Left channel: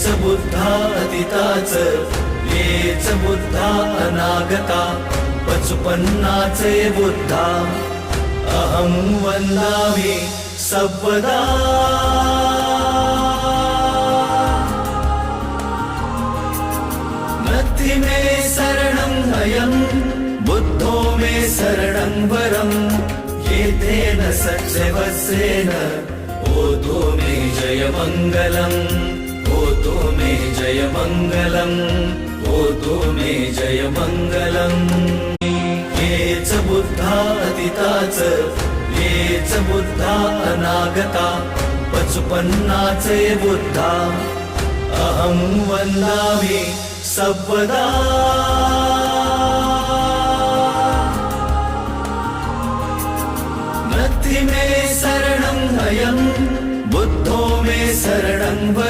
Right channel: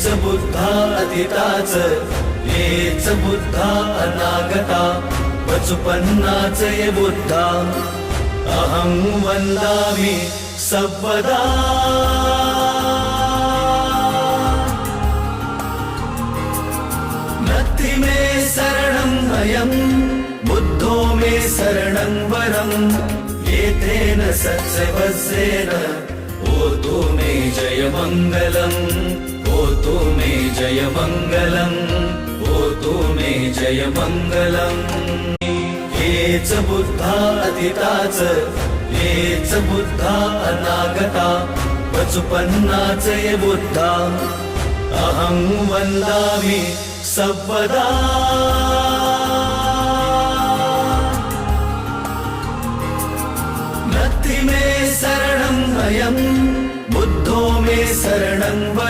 हेच बुद्धातीताच, हेच बुद्धा अनागता, पचुपन्नाचे बुद्धा अहं वन्दामि सर्वदा। नत्थि मे शरणं भयं, बुद्धो मे शरणं वरं, एतेन सच्चवस्येन होतु मे जयमङ्गलम्, होतु मे जयमङ्गलम्, होतु मे जयमङ्गलम्। हेच बुद्धातीताच, हेच बुद्धा अनागता, पचुपन्नाचे बुद्धा अहं वन्दामि सर्वदा। नत्थि मे शरणं भयं, बुद्धो मे शरणं वरं,